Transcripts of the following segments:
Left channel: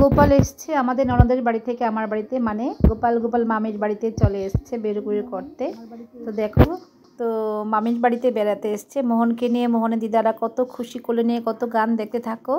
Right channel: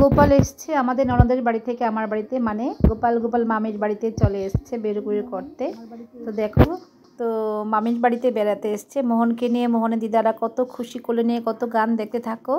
গোপাল এসছে আমাদের ননদের বাড়ি থেকে আমার বাড়িতে, মানে গোপাল মামির বাড়িতে চলে এসছে বেরুকুড়ি করতে। তো দেখো, তো মামির বাড়িতে বেড়াতে এসছে মোহনকে নিয়ে। মোহনের দিদারা কত খুশি কোলে নিয়ে কত গান দেখতে থাকো।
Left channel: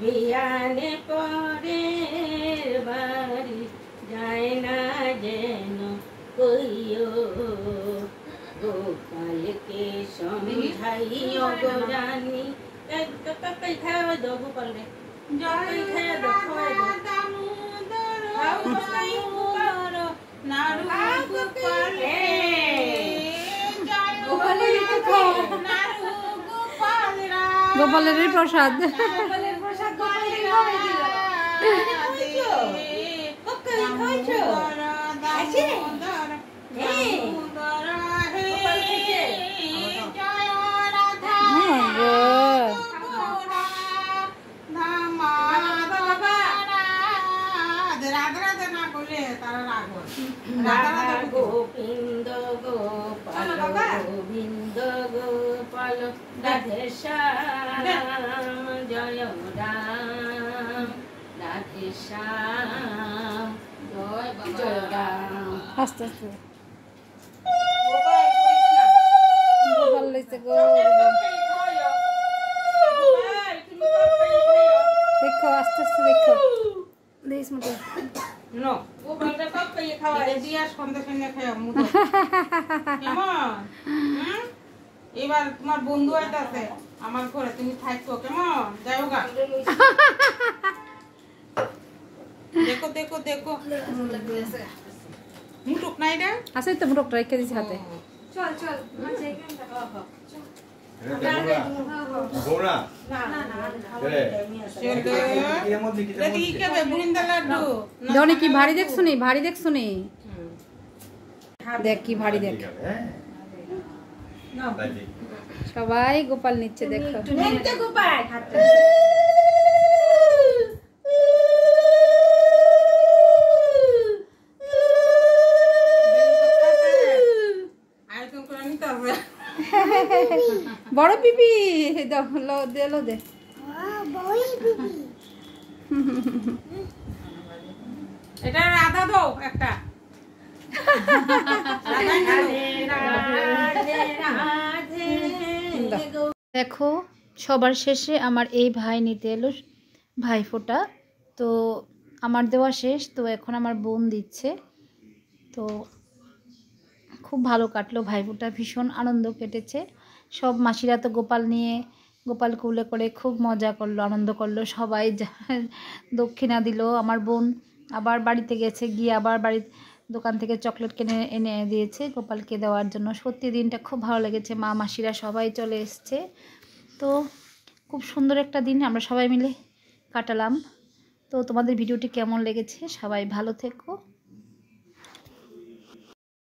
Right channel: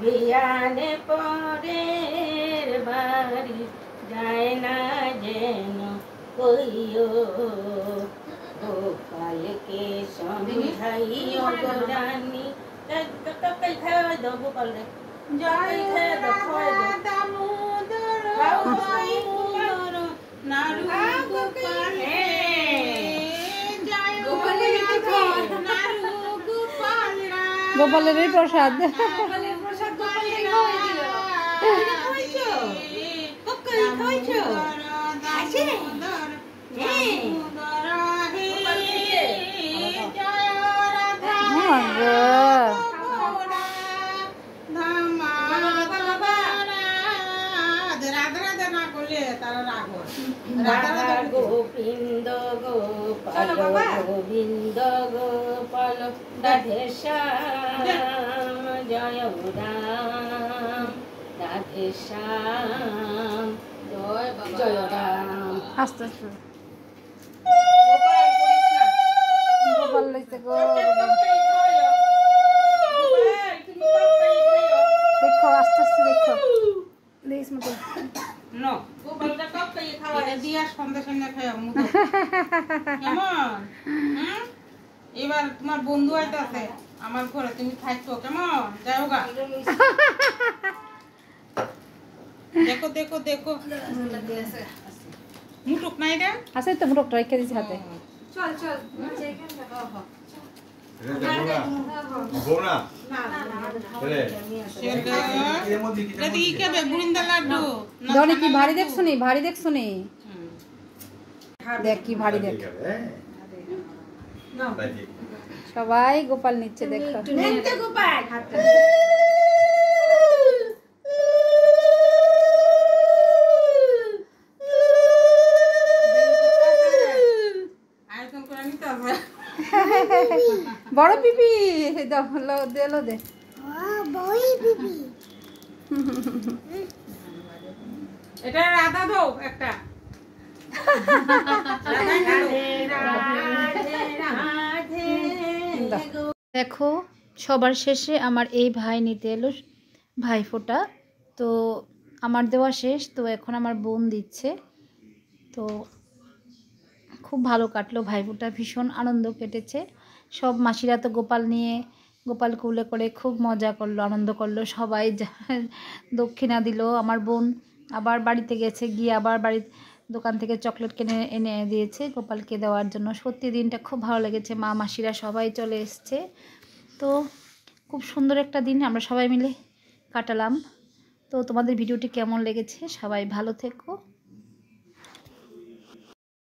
বিয়ানে পরের বাড়ি যায় না যেন কইও, গোপালকে সমঝাইও গো রানী। কই খাওয়াবে দাও গোপাল রে, জয় খাওয়াবে দাও, খাওয়াবে দাও। নাড়ু গোপালে গোপালের প্রসাদ, গোবিন্দ গোপাল গোবিন্দ গোপাল রাধে শ্যাম জয় রাম, রাধে শ্যাম জয় রাম। আস্তে আস্তে গোপাল লইছে গো, দেখো আস্তে আস্তে দেখো দেশ মতো নো গোপালটা কত পেয়ে খাওয়া দিয়া সন্ধ্যা সন্ধ্যা খায় মুতো কেমন। এবার তোমার বন্ধু আইতাছে আমার ঘরে, তুমি থাকো কেমন, যাও গা। দেখো দেখো দেখো মুটুক নাই রে, আছে তো মুটুকটা রেখে দিছি হাতে। চল চল কি ভারী দেখছো নি, ভারী দেখছো নি, দেখ কি ভারী দেখ। সবাই গোপাল নিচ্ছে দেখো, গোপাল বড় পিপি দেলো দে, এটা রাধা দাও একটা। দেখো সবার শেষে আমার এই ভাই নিতে এলো ভাইফোঁটা। তো আমার দেওয়া শেষ, তো এখন আমার বোন দিচ্ছে। তো খুব ভালো কাটলো ভাইফোঁটা, ভীষণ আনন্দ কেটেছে। সব মাসিরা তো গোপাল নিয়ে গোপাল কুলে করে খুব মজা করলো, আনন্দ করলো, সবাই দক্ষিণা দিল। আমার বোন আবার বাড়িতে গেছে, গিয়ে আবার বাড়ির দোকান থেকে চকলেট কিনে এনে দিয়েছে গোপালকে দেওয়ার জন্য। সত্যি দিনটা খুব ভালো লেগেছে, মা মাসিরা সবাই চলে এসছে। তো খুব সুন্দর একটা দিন আমরা সবাই মিলে কাটালাম। তো তোমাদের ভিডিওটি কেমন লেগেছে, সবাই ভালো থেকো।